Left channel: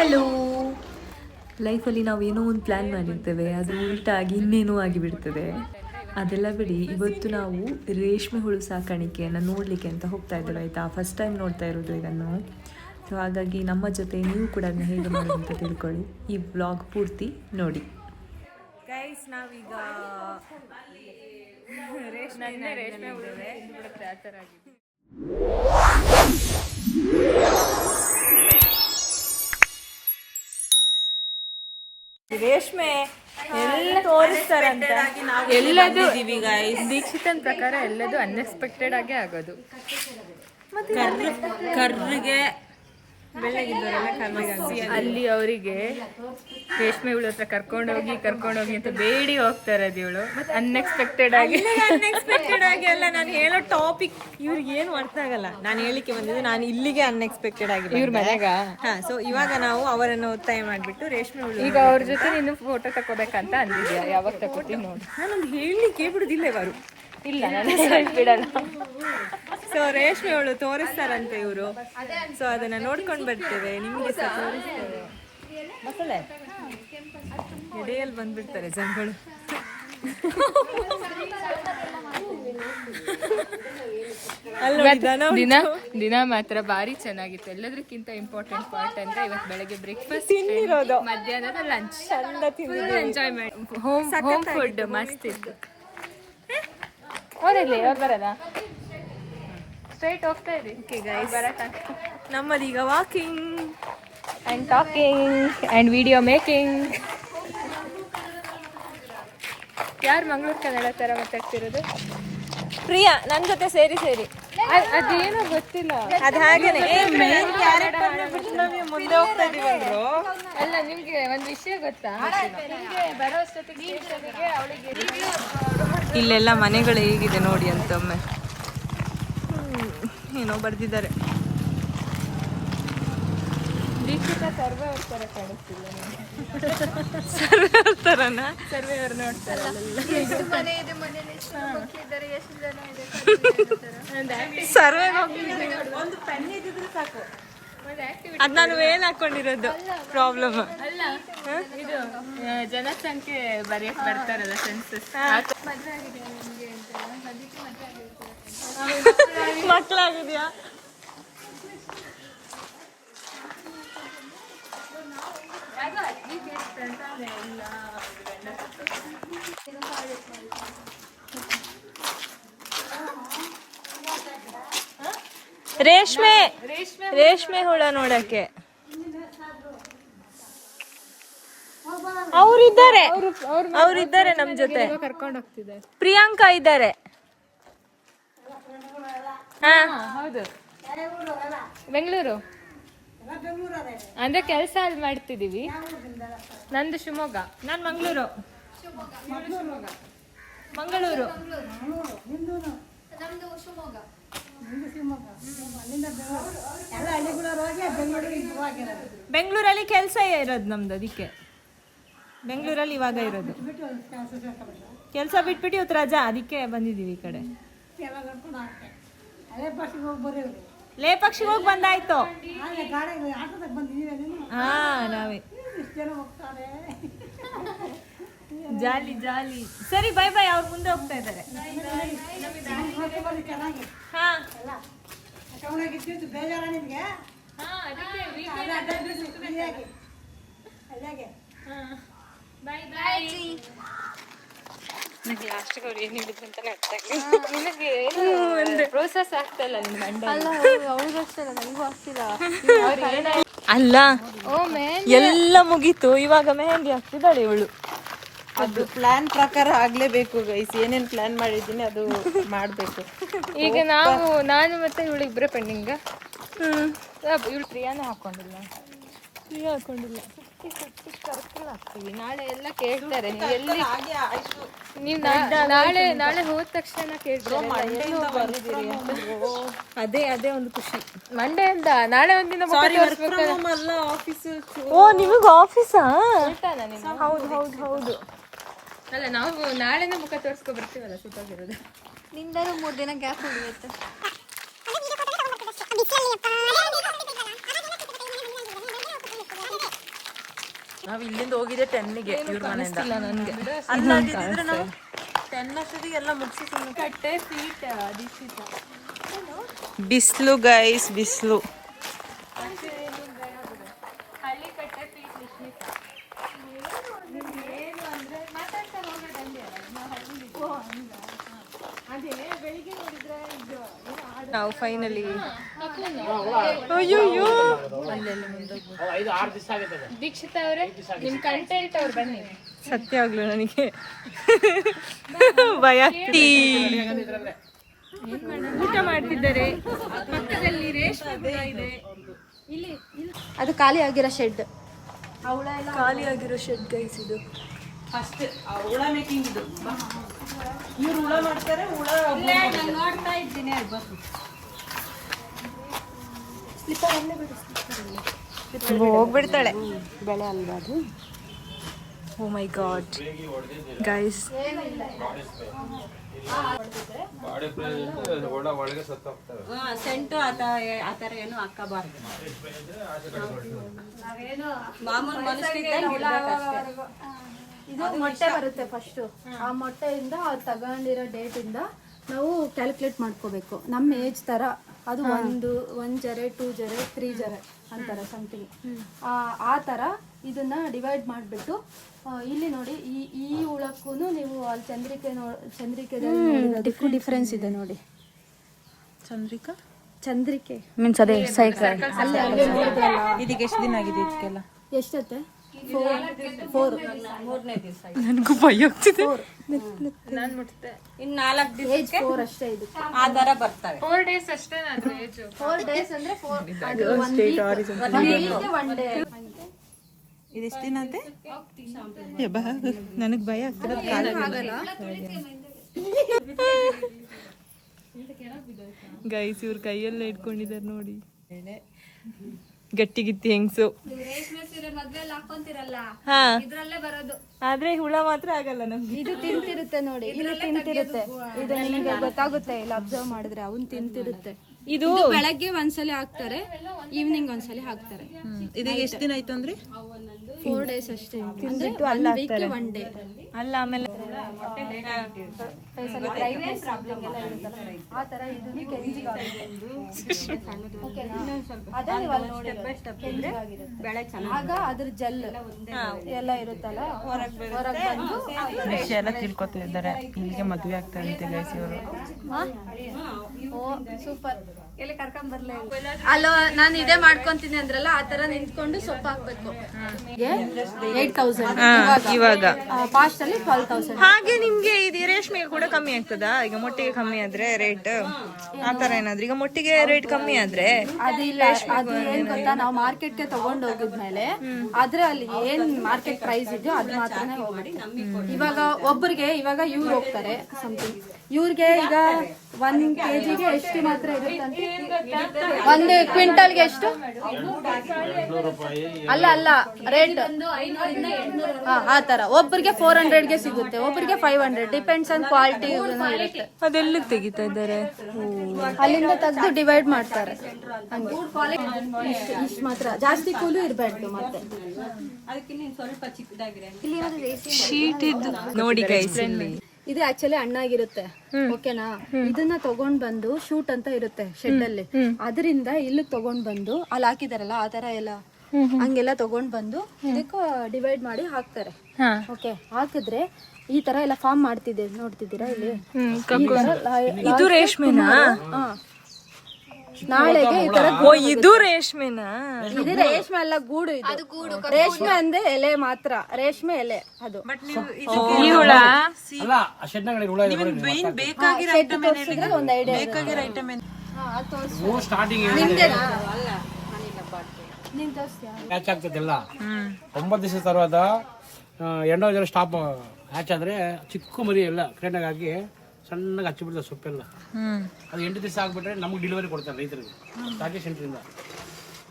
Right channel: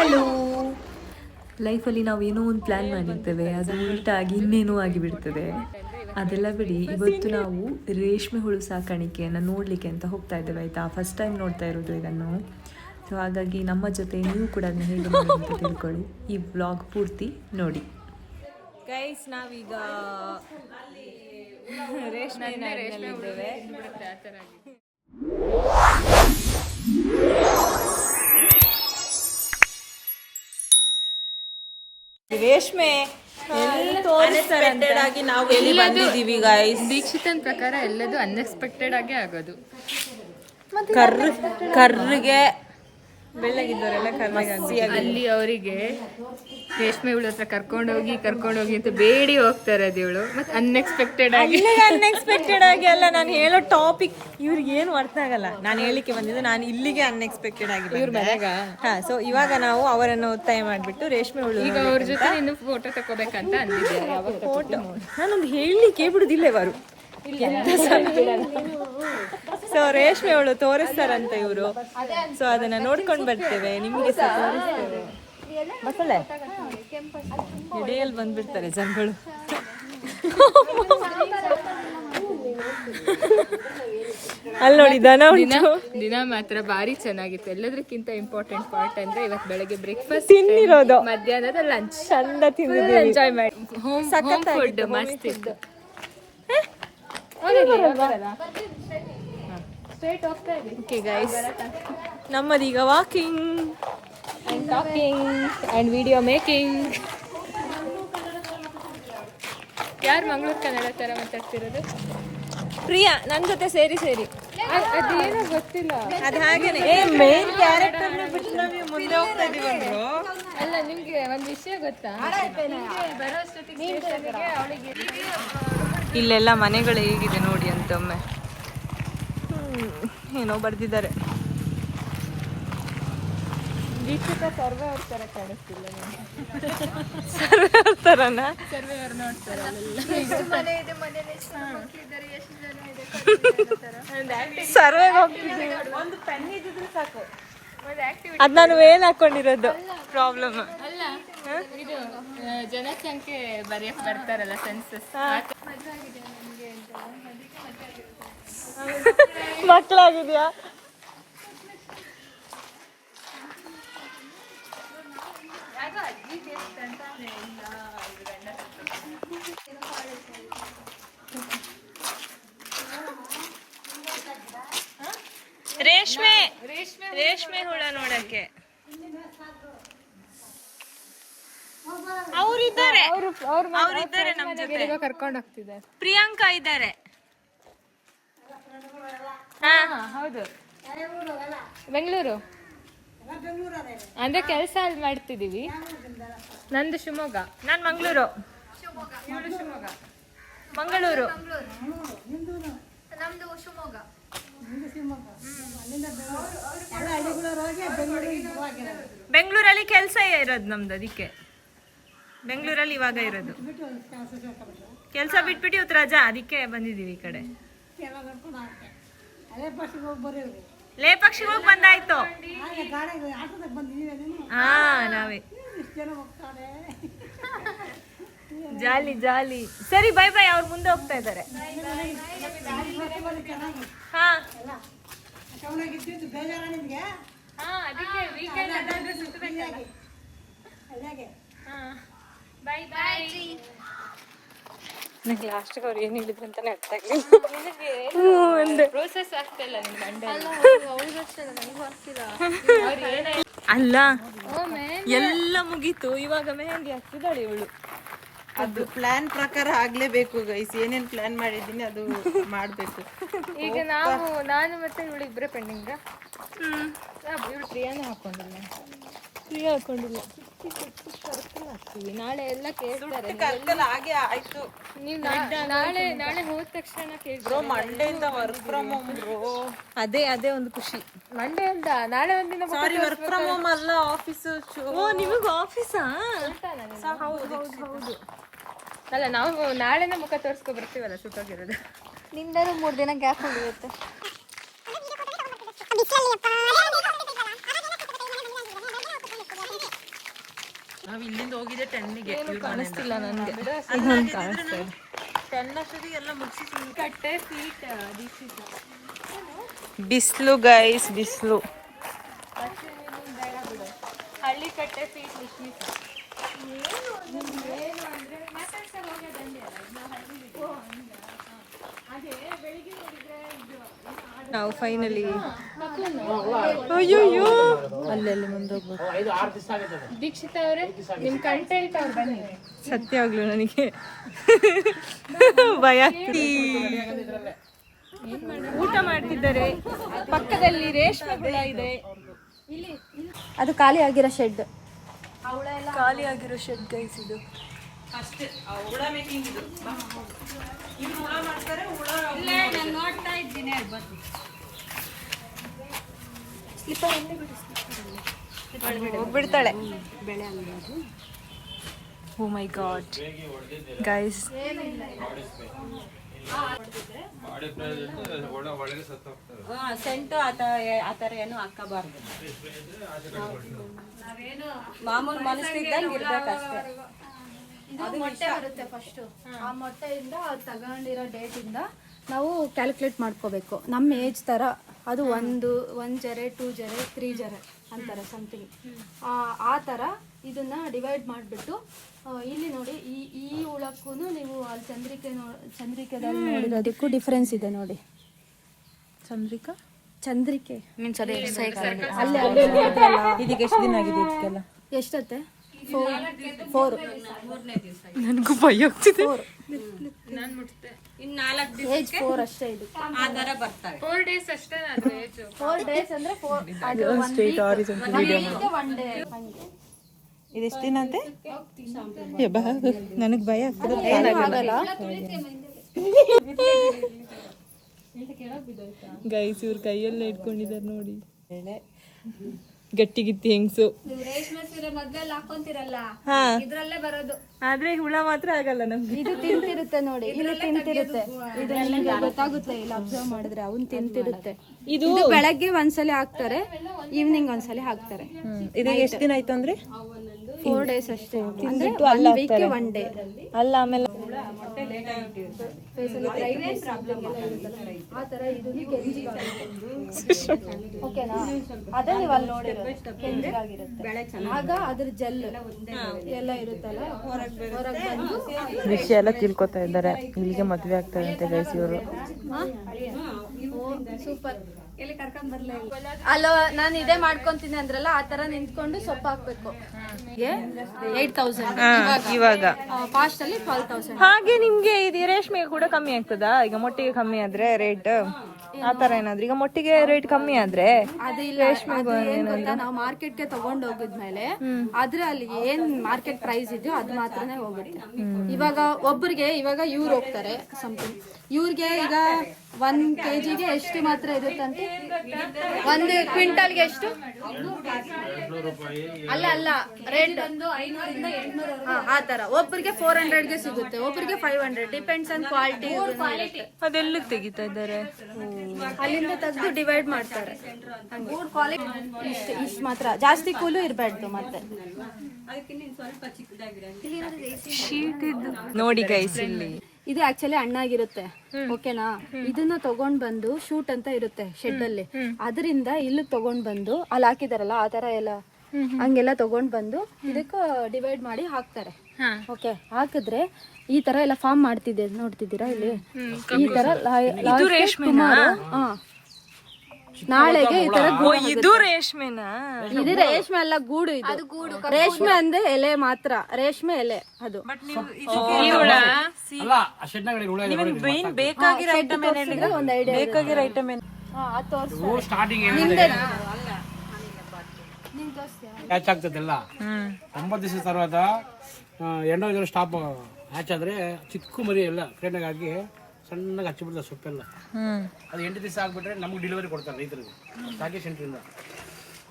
Hello. ಲೈಫಲ್ಲಿ ನಾವು ಏನೋ ಒಂದು ಪ್ಲ್ಯಾನ್ ಮಾಡಿರ್ತೇವೆ, ಅದು ಉಲ್ಟಾಗಿ ಇನ್ನೇನೋ ಆಗಿಬಿಡ್ತದೆ. ಅದೆಲ್ಲ ಬಿಡಿ, ಇವತ್ತು ನಾವು ರೇಷ್ಮೆ ಹುಳು ಸಾಕಾಣಿಕೆಯನ್ನು ನೋಡಲಿಕ್ಕೆ ಅಂತ ಹೋಗ್ತಾ ಇದ್ದೇವೆ ಆಯಿತಾ. ಫಸ್ಟ್ ಟೈಮ್ ನೋಡ್ತಾ ಇರೋದು ಇದನ್ನು. ಸೊ ಹಾಗಾಗಿ ನಮ್ಮ ಜೊತೆ ನೀವು ಕೂಡ ಅದನ್ನ ಹೇಗೆ ಮಾಡೋದು ಅಂತ ತಿಳ್ಕೊಳ್ಳಿ. ಈ ವ್ಲಾಗ್ ಪೂರ್ತಿ ನೋಡಿ. ಗೈಸ್, ನಾವೀಗ ರೇಷ್ಮೆ ರೇಷ್ಮೆ ತೋರಿಸ್ತಾರಂತೆ. ನಾವು ದೀಕ್ಷಿತನ್ ಪ್ರಕಾರ ಎಲ್ಲದು ಅನ್ಎಕ್ಸ್ಪೆಕ್ಟೆಡ್ ಆಗೇ ಆಗೋದು. ಕರ್ರಿಗೆ ಬೆಳ್ಳಗಿದ್ದವರೆಲ್ಲ ಕರ್ರಿಗೆ ಅಲ್ಲಿ ಅವರಿಗೆ ರೇಷ್ಮೆ ಹುಳು ಹತ್ರ ಕರ್ಕೊಂಡೋಗಿ ಅಂತ ಬೇಡಿ ಹೋಗ್ತಾರೆ ಇವಳು. ಮತ್ತೆ ಅನ್ಎಕ್ಸ್ಪೆಕ್ಟೆಡ್ ಆಗಿ ಅಲ್ಲ, ನಾನು ಹೇಳೋ ಟಾಪಿಕ್ ಇವ್ರಿಗೆ ಏನು ಅರ್ಥ ಆಗಲ್ಲ. ನಾನು ಹೇಳಿಕೆ ಬಂದಿದ್ದು ನಾನು ಇಲ್ಲಿಗೆ ಅನ್ಎಕ್ಸ್ಪೆಕ್ಟೆಡ್ ಆಗಿ. ಹಾ, ಸೊ ಇವಾಗ ನಾವು ಅವರನ್ನು ಒತ್ತಾಯ ಮಾಡ್ಬಿಟ್ಟು ರೇಷ್ಮೆ ಹುಳು ಈಗ ಅವ್ರ ಜೊತೆ ಇನ್ನು ಫೋಟೋ ತಗೋಬೇಕಂತ ಅಂದಿದ್ದೆ. ಫೋಟೋ ನಾನೊಂದು ಹೇಳಲಿಕ್ಕೆ ಬಿಡುದಿಲ್ಲ ಇವರು. ಸೊ ರೇಷ್ಮೆ ಹುಳು ತೋರಿಸ್ತಾರಂತೆ ಇವರು. ಸೊ ಅದನ್ನ ನೋಡ್ಕೊಂಡು ಬರ್ತೇವೆ, ನಿಮ್ಗೆ ಸಹ ತೋರಿಸ್ತೇವೆ. ಮಕ್ಕಳೇ ಎಡೆಯಲ್ಲಿ ಬಂದ್ಬಿಡ್ತಾರೆ ಜನಗಳು. ಅಲ್ಲಿ ನೋಡಿ ದಿನ ಮಾತ್ರ ಭಾರಿ ಚೆನ್ನಾಗಿತ್ತು. ಎಲ್ಲದಕ್ಕಿಂತ ಇಂಪಾರ್ಟೆಂಟ್ ಪಾರ್ಟ್ ಅಂದ್ರೆ ಇವತ್ತು ಬೆಳಗ್ಗೆ ಬ್ರೇಕ್ಫಾಸ್ಟ್ ತಿಂದಿರೋದು, ಮಧ್ಯಾಹ್ನದ ಲಂಚ್ ಚಂದ ತಿಂದಿದ್ದೀವಿ, ಎಂಜಾಯ್ ಮಾಡಿ. ಹೋಮ್ ಫುಡ್ ಮಸ್ತ್ ಇತ್ತು. ಸ್ಟ್ರೈಟ್ ಹೋಗ್ತಾ ಇದೆ. ನಮ್ಮದೀಗ walking and talking and video making. ಯಾರು ಮಂಗಳೂರು ಕನ್ನಡ ತರ ಮಾತಾಡ್ತಿರೋದು? ಪ್ರಿಯಾ ನನ್ನ ಜೊತೆ ಸೇರಿ ಅದೇನೋ ಗೊತ್ತಿಲ್ಲ. ಅದು ಹಾಗೇನೆ ಮೇನ್ ಕ್ಯಾರೆಕ್ಟರ್ ಬಿಟ್ಟು ನಮಗೆ ಮುಂದೆ ಹೋಗ್ತಾ ಇದೀವಿ. ಅಲ್ಲ, ನಿಮ್ಗೆ ಒಂದು ವಿಷಯ ಗೊತ್ತಾ? ಇಲ್ಲೆಲ್ಲ ಮನೆಗಳು ಹೇಗಿದೆ ನೋಡಿ ಅಂತ ಒಮ್ಮೆ ಏನೋ ಬರ್ದಿದ್ದಾರೆ. ಸರ್ವೇಯರ್ ನೋಡ್ತಾರೆ ಸರ್ವೆಗೆ ಹೋಗ್ತಿದ್ದೀವಿ. ಅದ್ ನಾನು ವೇಲ್ ಹಾಕೊಂಡಿರೋದು ಪ್ರಾಬ್ಲಮ್. ಅಲ್ಲ, ಇದು ಜನಸಂಖ್ಯೆ ಬರೆಯಕ್ ಬರ್ತಾರಲ್ಲ, ಸೆನ್ಸಸ್. ಮಕ್ಕಳಾಗಿದ್ಯಾ? ರೇಷ್ಮೆ ಹುಳ ನೋಡಕ್ಕೆ ಅವರಿದ್ದಾರೆ ನಮ್ ಜೊತೆ. ಕರ್ಕೊಂಡು ಹೋಗ್ತಿದ್ದಾರೆ. ಪ್ರಿಯಾಂಕಾ ಇದ್ದಾರೆ. ಹೌದು, ಬೆಂಗಳೂರು ಅಂದ್ರೆ ಕೆಲಸ ಅಲ್ಲಿ ಮಾಡ್ತಿದೀವಿ. ನಂದು ಶಿವಮೊಗ್ಗ. ನಾನ್ ಮಂಗಳೂರು. ಬೆಂಗಳೂರಲ್ಲಿ ಕೆಲಸ ಇರೋದು ನಮ್ದು, ಅದಕ್ಕೆ ಬೆಂಗಳೂರಲ್ಲಿ ಇವಾಗ ಇರೋದು. ಕೆಲಸ ಬಿಟ್ಬಿಟ್ಟು ಇವತ್ತು ರಜಾ, ಅದಕ್ಕೆ ಬಂದಿದೀವಿ ಈ ಕಡೆ. ಲೇಪಕ್ಷಿಗೆ ಹೋಗಿ ಬಂದಾಯ್ತು. ಹಾ, ನಾವೇ ಜಾಲಿ ಜಾಲಿ. ಸರಿ, ಬೈ ಬೈ. ಅವ್ರು ಮುಂದೆ ಹೋಗ್ತಾ ಇದ್ದಾರೆ. ಹಾ, ಅಲ್ಲ ಎಲ್ಲ ಮುಗೀತು, ಇವಾಗ ಮೆಹಂದಿ ಹಾಕ್ತಿದ್ದಾಳೆ ಇವಳು. ಅದು ಪ್ಲಾನ್ ಪ್ರಕಾರ ಆಗ್ಲೇಬೇಕು ಗೈಸ್. ಏನೇನ್ ಪ್ಲಾನ್ ಮಾಡಿದ್ದೀನಿ ಅದು ಮಾಡ್ಬೇಕು. ಈಗ ನಾನು ಮತ್ತೆ ಇವಳು ಇಬ್ಬರೇ ಪೆಂಡಿಂಗ್. ಇವಳು ಪ್ರಿಯಾನೇ ಹಾಕೊಂಡಿಲ್ಲ. ನಾಳೆ ಎಲ್ಲ ಕೇಳ್ತಾರೆ. ನೀವು ನಾಳೆ ಹೋದ ತಕ್ಷಣ ಕೇಳ್ತಾರೆ ಅದೇ ಒಂದು ಖುಷಿ. ಮಂಡೆಯಿಂದ ನಾಳೆ ಒಂದಿನ ವರ್ಕ್ ಫ್ರಮ್ ಹೋಮ್ ಅಲ್ಲ, ಆಫೀಸ್. ಓ, ನಿಮಗ ಆಫೀಸಾ? ಹೌದು. ಅಲ್ಲ, ನಾವು ನಾಳೆನ ಮುಖ ತೋರಿಸ್ಕೊ ಬರ್ತೀವಲ್ಲ, ಸುತ್ತಾಗಿರೋದು. ನಿಂದರೂ 3 ದಿನ ಗ್ಯಾಪ್ ಹಿಡಿಯುತ್ತೆ. ನಾವ್ ಇಲ್ಲಿಂದ ಹೋಗಿದ್ದೆ 10ಗೆ ಕಾಣಿಸ್ತಿಲ್ಲ ನನ್ಗೆ. 10 ಅಷ್ಟೊತ್ತಿಗೆ ಎಲ್ಲ ಮುಗಿಸಿ ಕಟ್ಟೆ ಫೀಟ್ ಬಿಸಿಲು ಗೈಸ್, ಬಿಸಿಲು. ಹಳ್ಳಿ ಕಟ್ಟೆ ಫೀಟ್ ನಾವು ಫೈನಲಿ ಅಯ್ಯೋ ಅಲ್ಲೆಲ್ಲ ಮುಂದೋಗ್ಬೇಕು. ದೀಕ್ಷಿತ ಅವರೇ ನಿಮ್ ಕಂಟೆಂಟ್ ಅವ್ರು ಬನ್ನಿ. ಸತ್ಯಾಗ್ಲೂ ನನಗೆ ಭಯ ಆಗ್ತಿ. ಊಟ ಮಾಡ್ತಿದ್ದಾರೆ, ಪಕ್ಕದಲ್ಲಿ ರೇಷ್ಮೆ ಹುಳ ಇದೆ. ಅದು ಖಾಲಿ ಆಗಿರೋ ಶೆಡ್. ಖಾಲಿ ಆಗಿರೋ ಶೆಡ್ ಗೈಸ್ ಇದು. ಫಸ್ಟ್ ಹುಳ ಮೇಕಿಂಗ್ ಇದು. ಇವ್ರು ಹುಳ ಮಾಡ್ತಾರೆ, ಹುಳ ನಾನು ನೋಡ್ತಾ ಇದ್ದೀನಿ. ಹೋಗ್ಬಿಡ್ತಾಳೆ. ಬೆಳೆ ಅಲ್ವಾ ಅದು? ಓ ಮೈ ಗಾಡ್ ಗೈಸ್, ಸೆಂಟು ಆ ಥರ ಏನು ಹಾಕಬಾರ್ದು. ಮಾಮೂಲು ಮನಸ್ಸಿದ್ದಂಗೆ ಇರ್ಬೇಕಷ್ಟೇ. ಇದು ಮೊಟ್ಟೆ ಬರುತ್ತೆ ಫಸ್ಟು. ಆ ಮೊಟ್ಟೆಯಿಂದ ತಗೊಂಡಿರೋ ಡೇಟಿಂದ ನಾವು ಕ್ಯಾಲ್ಕುಲೇಟ್ ಮಾಡ್ಕೋಬೇಕು. ನಮ್ಮ ಏಜ್ ಥರ ಅದು 1 ಜರೆ 2 ಜರೆ 3 ಜರೆ ಅಂತಾರೆ ಸಮಥಿಂಗ್. ಆ ಥರ ಇದನ್ನ ಡಿವೈಡ್ ಮಾಡಿಬಿಟ್ಟು ಇಲ್ಲಿ ನೋಡಿ, ಈ ಹುಳಕ್ಕೂ ನೀವು ಅಲ್ಲಿ ಚಂದ್ರಿಕೆದಲ್ಲಿ ನೋಡಿರೋದಕ್ಕೂ ಡಿಫ್ರೆನ್ಸ್ ಇದೆ ನೋಡಿ. ಚಂದ್ರಿಕೆ ಮೀನ್ಸ್ ಅದೇ ಸೈಕಲ್. ಇದಕ್ಕೆ ಎಷ್ಟು ದಿನ ಆಗಿದೆ ಇದಕ್ಕೆಲ್ಲ? ಎಷ್ಟತ್ತೆ? 4. ನನಗೂ ಭಯ ಆಗ್ತಿದೆ. ಇನ್ನು 4 ದಿವಸ ಏಜ್ 4 ಅಷ್ಟೇ ಇದು. ಆ ಥರ ಬರ್ತವೆ. 4 days ಅಷ್ಟೇ ನಾನು ಏಜ್. 4 days ಅಂದ್ರೆ 4 1 week 1 day. ಇದೆಷ್ಟು ದಿನ ಅಂತೆ? ನನಗೆ ಭಯ ಆಗ್ತದೆ. ಗೈಸ್ ಇವ್ರ ಕೈಯಲ್ಲೇ ಇಟ್ಕೊಂಡಿದ್ದಾರೆ ನೋಡಿ. ಗಟ್ಟಿಗಿತ್ತಿ ಹೆಂಗ್ಸು. ರೇಷ್ಮೆ ಸೀರೆ ಮದ್ವೆಲ್ಲಿ ಹಾಕೊಂತಿರಲ್ಲ, ಹಾ, ಇದ್ರಲ್ಲೇ ಬರೋದು. ಆದ್ರೆ ಹುಳ ಮಾತ್ರ ಆಗಲ್ಲ ನಮ್ಗೆ. ಇದು ತಿಂತಿರುತ್ತೆ ನೋಡಿ, ಇಲ್ಲಿ ತಿಂತಿರುತ್ತೆ. ಇದು ನಿಮಗೆ ಗೊತ್ತಾಗುತ್ತೆ ಇಲ್ಲಿ ಅಬ್ಸರ್ವ್ ಮಾಡಿದ್ರೆ. ಅವ್ನು ತಿಂತಿರುತ್ತೆ. ಇದು ಬೆಳಗ್ಗೆ ಒಂದ್ಸಲಿ ಹಾಕ್ತಾರೆ, ಈವ್ನಿಂಗ್ ಒಂದ್ಸಲಿ ಹಾಕ್ತಾರೆ. ಇದು ಎಷ್ಟು ದಿನ ಆಯ್ತು ಅಂದ್ರೆ? 4 days ಅಷ್ಟೇ. ತಿಂದ್ಬಿಟ್ಟು ಅಲ್ಲ ಹಾಕ್ತಾರೆ. 1 day ಅಲ್ಲ ಆಮೇಲೆ ಆ ತರ ಇದನ್ನು ಕೆಂಜಿಗಾಗುತ್ತೆ. ಓಕೆನಾ? ಅದೇ ಇವಾಗ ಸ್ಟೆಪ್ ಬೈ ಸ್ಟೆಪ್ ಇದ್ರೆ ಬೆಳೆ ಚೆನ್ನಾಗಿ. ಆಗ ಅದ್ರ ಜೆಲ್ ಎಲ್ಲ ಇರುತ್ತಲ್ಲ ಹೊರಗೆ ಬಂದು ವಿಷಯ ಎಲ್ಲ ತಿಳ್ಕೊತಾ ಇದ್ದಾರೆ. ಇಲ್ಲಿಗೆ ಮದುವೆ ಆಗ್ತದೆ ಅಂತ ಗೈಸ್ ಇವರು. ಓ ಸೂಪರ್. ಎಲ್ಲಿ ಕರ್ಕೊಂಡ್ ಬರ್ಲೇ ಇಲ್ಲ. ಅಲ್ಲ ನಾನು ಇದೇ ಮಾಡ್ಕೊಂತೀನಿ ಅಂದ್ರಲ್ಲ, ಆ ತರ ನಿಂತ್ಕೊಂಡು ಸೊಪ್ಪು ಹಾಕ್ಬೇಕು. 8,000 ಇವಾಗ ಪಾಸ್ಟ್ ಅಲ್ಲಿ 12,000. ಹಾಗೆ ನಿಮ್ಗೆ ಇದು ರೇಷ್ಮೆಗೆ ಕೂಡ ಕಮ್ಮಿ ಆಗ್ತದಾ? ಈಗ ಮೊಟ್ಟೆಗೆ ಕಮ್ಮಿ ಆದ್ರೆ ರೇಟ್ ಆ ತರ ಏನಾದ್ರು? ಈಗ ಮೊಟ್ಟೆಗೆ ರೇಟ್ ಕಮ್ಮಿ ಆದ್ರೆ ಅದಿಲ್ಲ. ಅದು ಏನ್ ಗೊತ್ತಾ, ನಾವು ಮಾರ್ಕೆಟ್ಗೆ ತಗೊಂಡ್ ಹೋಗಿದ್ಮೇಲೆ ಆದ್ರೆ ಅಲ್ಲಿ ಏನ್ ಮಾರ್ಕೆಟ್ ಪ್ರೈಸ್ ಇದೆಯೋ ಅದ್ ಮಾತ್ರನೇ ಹೋಗುತ್ತೆ. ಇವಾಗ ಒಬ್ಬರಿಗೆ ಇವಾಗ ಇವ್ರು ಹೋಗ್ತಾರೆ ಸಮಥಿಂಗ್, ಇವ್ರಿಗೆ ಈಗ 1 kgಗೆ ಎಷ್ಟು ಮಾತ್ರ ಇರುತ್ತಂತೆ? 1 ಕ್ವಿಂಟಲ್ಗೆ ಎಷ್ಟು? ಅಲ್ಲ ರೇಟ್ ಬಂದು 500 ಇಂದ 800 ಆ ತರ. ಒಬ್ಬರಿಗೆ 400ಗೆ ಸಿಗುತ್ತೆ, ಒಬ್ಬರಿಗೆ 500. Depends on quality. ಅದೆಲ್ಲ ತೆಗಿತಾ ಇದ್ದಾರೆ. ಅಲ್ಲಿಂದ ತೆಗೆದು ಡಿವೈಡ್ ಮಾಡ್ತಾರೆ. ಇಷ್ಟು ಮಾತ್ರ, ಜಾಸ್ತಿ ಕೂಲು ಇರಬಾರ್ದು. ಮತ್ತೆ ಸ್ವಲ್ಪ ಚಿಕ್ಕದಾಗಿರೋ ಶೀಟ್ ಇದ್ದು ನೋಡಿ ಗೈಸ್. ಇಲ್ಲಿ ಇದು ಆಕ್ಚುಲಿ ಹಣ್ಣಾಗಿರುತ್ತೆ. ಓಕೆನಾ? ಇದನ್ನ ತಗೊಂಡ್ ಬಂದು ಶೂಟ್ ಅಂತ ಇರುತ್ತೆ ಶೆಡ್ ಅಲ್ಲಿ, ಅದರಿಂದ ಇಲ್ಲಿ ತಗೊಂಡ್ ಬಂದು ಅಲ್ಲಿ ಹಾಕಿದಾರಲ್ಲ ಆ ತರ ಎಲ್ಲ ಹಂಗೆಲ್ಲ ತಗೊಂಡ್ ಬಂದು ಇದಕ್ಕ ಡಿವೈಡ್ ಮಾಡಿ ಹಾಕ್ತಾರೆ. ಓಕೆ, ಹಾಕಿದ್ರೆ ಈ ತರ ಎಲ್ಲ ಫಾರ್ಮ್ ಮಾಡ್ತಿದೆ ನೋಡ್ತಿದ್ದೀರಾ ಇಲ್ಲಿ. ಈ ತರ ಇದು ರೇಷ್ಮೆನಾ? ನಾಳೆಗೆ ಈ ತರ ಓ ಇದು ರೇಷ್ಮೆನಾ? ಇದು ರೇಷ್ಮೆ ಅಲ್ಲ, ಗೂಡು. ಇದು ರೇಷ್ಮೆ ಅಂದ್ರೆ ಎಲೆ ಮಾತ್ರ, ರೇಷ್ಮೆ ಎಲೆ ಅದು. ತೋರಿಸಿದ್ರೆ ಒಂದು ಐಡಿಯಾ. ನೀನ್ ತೋರಿಸ್ತೀಯಾ? ಹ್ಯಾಚ್ ಆಗ್ತದಲ್ಲ 9 ದಿವಸ ತರುವಾಗ ಎಂಡೋ ಸ್ಟಾಪ್ ಹ್ಯಾಚ್ ಆದ್ರೆ ಚಿಕ್ಕ ಮರಿ ಎಲ್ಲ ಕ್ರೇನಾಗ ಹಾಕಿ ಸಣ್ಣಗೆ ಹಚ್ಚಿಬಿಡ್ತಾರೆ ಸೊಪ್ಪೆಲ್ಲ. ಅದು 8 ದಿವಸ ಆಗ್ಬಿಟ್ರೆ ನಮ್ಗೆ ಡೆಲಿವರಿ ಕೊಡ್ತಾರೆ ರೈತರಿಗೆ ಚಾಕಿ ಸೆಂಟ್ರಿಂದ.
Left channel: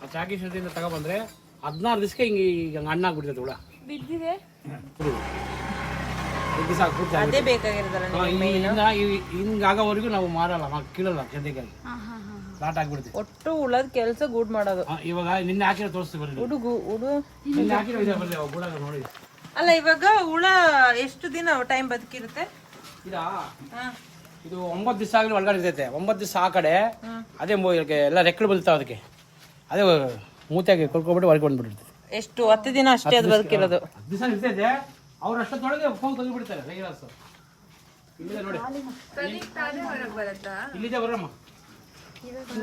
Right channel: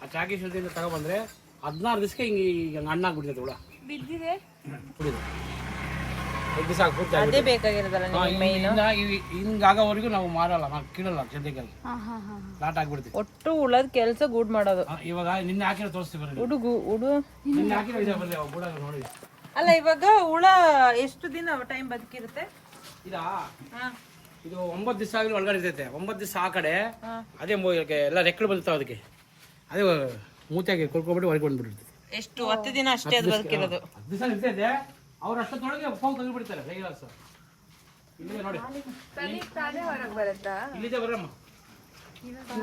ಆ ಚಾಕಿ ಸೆಂಟ್ರಿಂದ ತಗೊಬಂದ್ರೆ 16 ದಿವಸಕ್ಕೆ ಹಿಂಗೆ ಈಗ ಹಣ್ಣಾಗ್ಬಿಡ್ತದೆ ಹುಳ. 5 ದಿವಸ ಪೂರ್ತಿ ಆಗಿಬಿಡುತ್ತೆ. ಹಿಂಗಾಗೋವರೆಗೂ ನಾವು ಮಾರಲ್ಲ, ನಾವು ಕೀಳಲ್ಲ ಸದ್ಯಕ್ಕೆ. ಲಾಟ್ ಆಗ್ಬಿಡ್ತೀವಿ. ಒಟ್ಟು ಉಳದ ಕೆಲಸ ಗೂಡ್ ಮಾಡೋದು. ಇವಾಗ ನಿನ್ನೆ ಹಾಕಿರೋ ತೋರಿಸ್ತೀವಿ ಬರ್ರಿ. ನಿನ್ನೆ ಹಾಕಿರೋ ಇದೆ ಬರ್ರಿ, ಅವು ಗೂಡಾಗ ನೋಡಿ. ಅಲ್ಲ ಇವಾಗ ಹುಳ ಎಷ್ಟು ದಿನ ಟೈಮ್ ಬದುಕಿರುತ್ತೆ? ಇದಾ ಇದು 9 ದಿವಸ ಆಗಲಿ ಒಳಗಡೆ ಇರ್ತೈತೆ. 9 ದಿವಸ ಆ ಕಡೆ ಅದೇ ಎಲ್ಲ ರೆಕ್ಕಳು ಬೀಳ್ತಾವೆ ಅದಕ್ಕೆ. ಅದೇ ಮೂತೆಗೆ ಕೊಳ್ಕೊಬಿಟ್ಟು ಹೊರಗೆ ಬಂದ್ಬಿಟ್ಟಿರ್ತದೆ. ಎಷ್ಟು 10 ದಿನ ಅಷ್ಟೇ ಅದು ಬದುಕಿರೋದು. 10 ದಿವಸ ಇರ್ತೈತೆ. ಅವ್ರು ಅಷ್ಟೊತ್ತೊಳಗೆ ಫೋನ್ ತಂದು ಬಿಡ್ತಾರೆ. ಇಲ್ಲಿದೆ ನೋಡಿ, ಇಲ್ಲಿದೆ ಬರಮ್ಮ.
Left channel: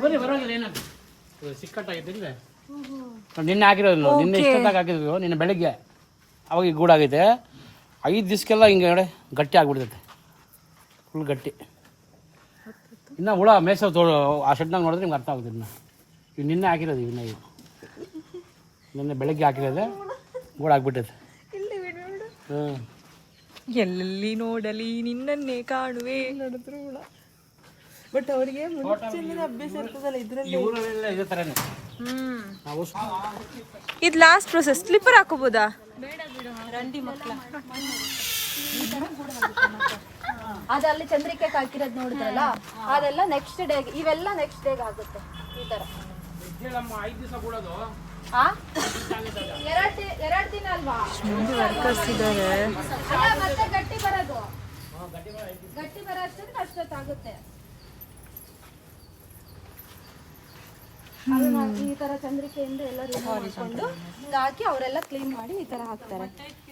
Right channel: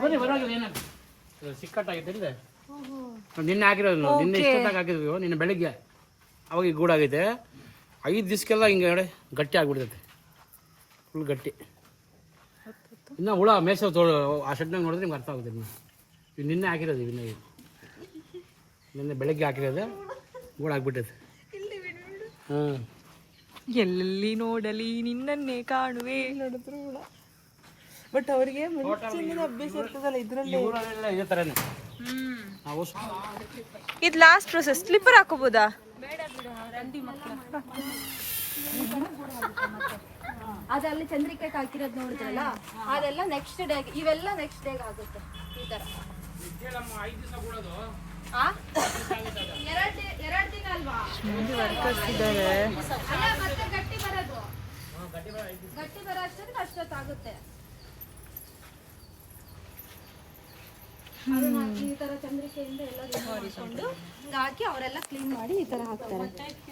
ಬನ್ನಿ, ಬರೋಲ್ಲ ಏನಾಗ್ತದೆ, ಸಿಕ್ಕಟ್ಟಾಗೈತೆ ಇಲ್ಲೇ. ನಿನ್ನೆ ಹಾಕಿರೋದು ನೋಡಿ, ನಿನ್ನೆ ಇಷ್ಟೊತ್ತಾಗಿ ಹಾಕಿದ್ವಿ. ನಿನ್ನೆ ಬೆಳಿಗ್ಗೆ ಅವಾಗ ಈಗ ಗೂಡಾಗೈತೆ. 5 ದಿವಸಕ್ಕೆಲ್ಲ ಹಿಂಗೆ ಗಟ್ಟಿ ಆಗ್ಬಿಡ್ತೈತೆ, ಫುಲ್ ಗಟ್ಟಿ. ಇನ್ನು ಹುಳ ಮೇಸವ್ ಆ ಶೆಡ್ನಾಗ ನೋಡಿದ್ರೆ ನಿಮ್ಗೆ ಅರ್ಥ ಆಗುತ್ತೆ. ಇನ್ನು ನಿನ್ನೆ ಹಾಕಿರೋದು, ಇವು ನಿನ್ನೆ ಬೆಳಗ್ಗೆ ಹಾಕಿರೋದೆ ಗೂಡಾಗ್ಬಿಟ್ಟೈತೆ. ಎಲ್ಲಿ ನೋಡಲಿ ನಿನ್ನನ್ನೇ ಕಾಣುವೆ. ಬಟ್ ಅವರಿಗೆ ಅಭ್ಯಾಸ ಇರ್ತದಲ್ಲ ಇದ್ರಲ್ಲಿ. ಈ ಊರಲ್ಲೆಲ್ಲ ಇದೇ ಥರನೇ ನಾವು. ಇದು ಲಾಸ್ಟ್ ಪ್ರೊಸೆಸ್. ಸ್ಲಿಪ್ಪರ್ ಹಾಕೋಬೋದಾ? ಅದು ಅಲ್ಲಿ ಚಂದ್ರಿಕೆ ಹಾಕಿರೋದು ನೋಡಿದ್ರಲ್ಲ, ಅದೆಲ್ಲ ನೆಕ್ಸ್ಟ್ ಡೇ, ಇವೆಲ್ಲ ನೆಕ್ಸ್ಟ್ ಡೇಗೆ ಆಗುತ್ತೆ ಈ ತರ. 2 ದಿನ ಅಲ್ವಾ? ಮುಂದೆ ವರ್ಕರ್ಸ್ ಇದ್ದಾರೆ. ಅಲ್ಲ, ಮತ್ತೆ ಗಟ್ಟಿ ಬರೋದು, ಗಟ್ಟಿ ಬರೋ ಅಷ್ಟೊತ್ತಾಗುತ್ತೆ. ಈ ತರ ಚಂದ್ರಿಕೆಯಿಂದ ಎಲ್ಲ ಮಾಡಿಕೊಂಡು ಹಾಕಿ ಅವರೆಲ್ಲ ಕ್ಲೀನ್ ಮಾಡಿ ಈ ತರ ಹಾಕ್ತಾರೆ.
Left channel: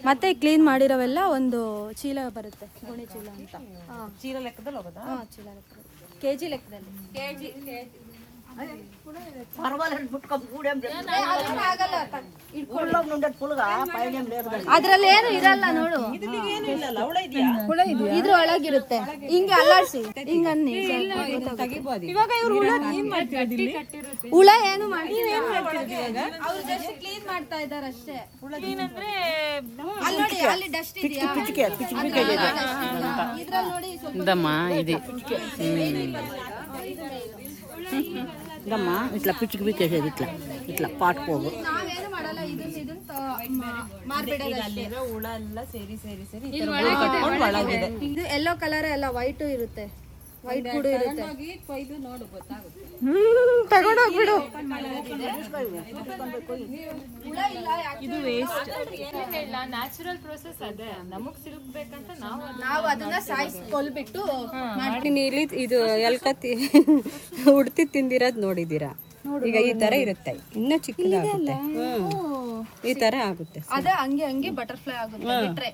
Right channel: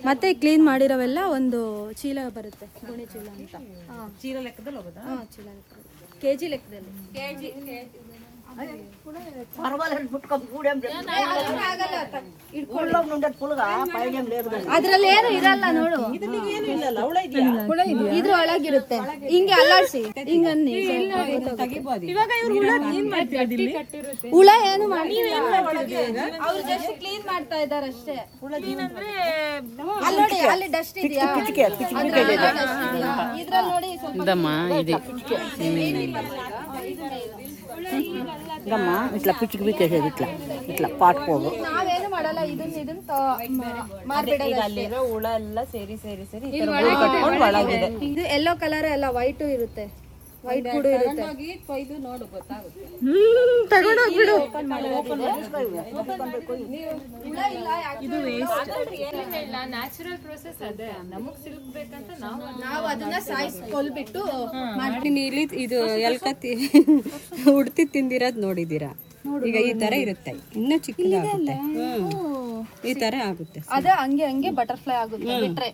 ಮತ್ತೆ ಕ್ಲೀನ್ ಮಾಡಿರೋವೆಲ್ಲ ಒಂದು ಚೀಲ ಬರುತ್ತೆ, ಗೋಣಿ ಚೀಲ ಅಂತ. ಚೀಲ ಲೆಕ್ಕದಲ್ಲಿ ಹೋಗೋದಾ? ಚೀಲ ಲೆಕ್ಕದಲ್ಲಿ, ಕೆಜಿ ಲೆಕ್ಕದಲ್ಲಿ. ಅದ್ರಲ್ಲಿ ಏನು ಇರಲ್ಲ ನೋಡು, ಇದ್ರ ಒಳಗಿರುತ್ತೆ. ಹಿಂಗೆ ಅಲ್ಲಾಡ್ಸಿ, ಹಿಂಗನ್ನಿ ಹುಳ ಏನು ಮಾಡಿ ಅವ್ರು ಜಸ್ಟ್ ಕ್ಲೀನ್ ಮಾಡ್ತಾ ಇದಾರೆ ಅಷ್ಟೇ. ಅಲ್ಲಿ ನೋಡಿ, ಅಲ್ಲಿ ಡಸ್ಟ್ ಇದೆಯಾ ಇದ್ರಲ್ಲಿ ನೋಡಿ ನಾವೇನು ಮಾಡಲ್ಲ. ಅಲ್ಲಿರೋ ಹುಳ ಎಲ್ಲ ಸೇರಿ ಇದು ಎಲ್ಲೋ ಕಲರ್ ಎಲ್ಲ ವೈಟು ಇರುತ್ತೆ, ವೈಟ್ ಕೂಡ ಇರುತ್ತೆ. ನೋಡು ಗೊತ್ತಾಗುತ್ತೆ. ತಗೊಂಡೋಗ್ಬಿಡು. ನ್ಯಾಚುರಲ್ ಪ್ರೋಸೆಸ್ ಅದೇ. ನಮಗ್ ಸಿಲ್ಕ್ಬೇಕಂತ ನಾವು ಅದನ್ನ ಸಾಯಿಸ್ಕೊಲ್ಬಿಟ್ಟು ಇಲ್ಲಿ ಇದು ಎಲ್ಕತ್ತಿ ಉಡ್ತಿ ತಿಂದಿರೋದ್ ನೋಡಿದೀರಾ? ಈಗ ಈ ತರ ಇರುತ್ತೆ, ಇನ್ನ ಚಿಕ್ಕದಾಗುತ್ತೆ. ಈ ತರ ಆಗುತ್ತೆ. ಅದೇ ಹಂಗೆ ಹಂಗೆ ಬಟರ್ಫ್ಲೈ ಆಗುತ್ತೆ ಬಿಟ್ರೆ.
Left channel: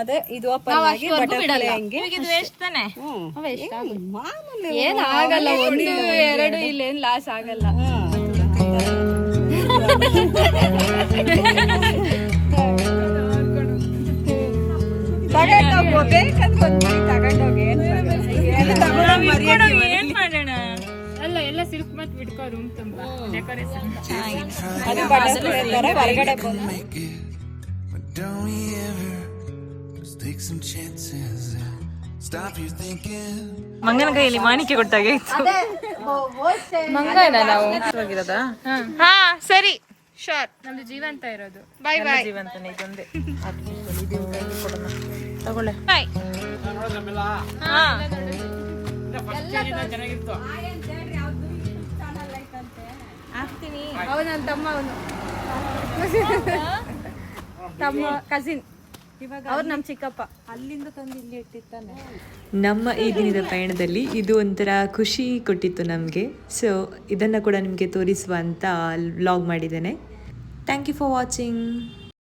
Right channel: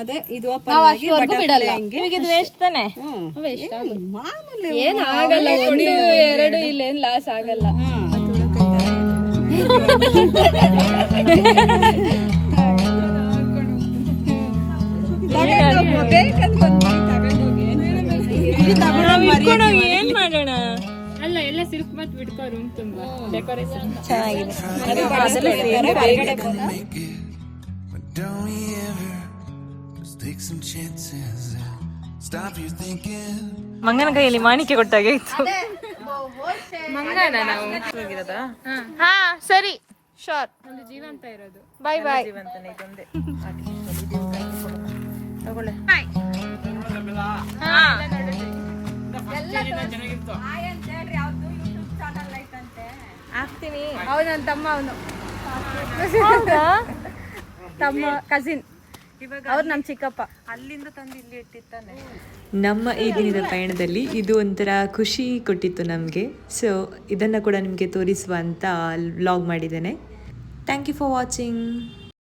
ಅದೇ ಇದು ಓಪನ್ ಆಗಿ ಬಟರ್ಫ್ಲೈ ಹಂಗೆ. ಇದು ವೇಸ್ಟ್ ತಾನೆ? ಮಾಮೂಲಿ ಏನ್ ಆಗಲ್ಲ, 1-2 ಇಲ್ಲೇನ್ ಲಾಸ್ ಆಗಲ್ಲ. ಅಲ್ಲ, ಎಲ್ಲ ಸಿಲ್ಕ್ ಮತ್ ಬಿಟ್ಕೋ ರೂಮ್ ತುಂಬಾ ಡೆಕೋರೇಷನ್. ಮಂಗನ ಕೈಯಲ್ಲಿ ಮಾಣಿಕೆ ಕೊಟ್ಟಾಗೆ ಇತ್ತು. ಹಾ ಸರಿ, ಶೋರ್. ನಮ್ದು ಜೀವಂತ ಇರೋದು. ಬಾಯ್ ಬಾಯ್. ಬಾಯ್. ಹಾ ಚೆನ್ನಾಗಿತ್ತು. ಆಗ್ತೀನಿ. ಅವನ ತಮ್ಮ ಕಸಿನ್, ಅವ್ರು ನಮ್ಮ ಚಿಕ್ಕಪ್ಪ, ಅಲ್ಲಿಂದ ತಂದು ಇಲ್ಲಿ ಇಟ್ಟಿರ್ತಾನೆ. ನಮ್ಮ ಈ ದಿನದ ಪಯಣದಲ್ಲಿ ಇದು ಒಂಥರ ಖುಷಿ ಕೊಟ್ಟಿತ್ತು ನಮಗೆ. ಸೊ ಇದನ್ನು ಕೂಡ ನಿಮಗೆ ತೋರಿಸುವ ಅಂತ ವ್ಲಾಗ್ ಮಾಡಿದ್ದೇನೆ. Thank you for watching.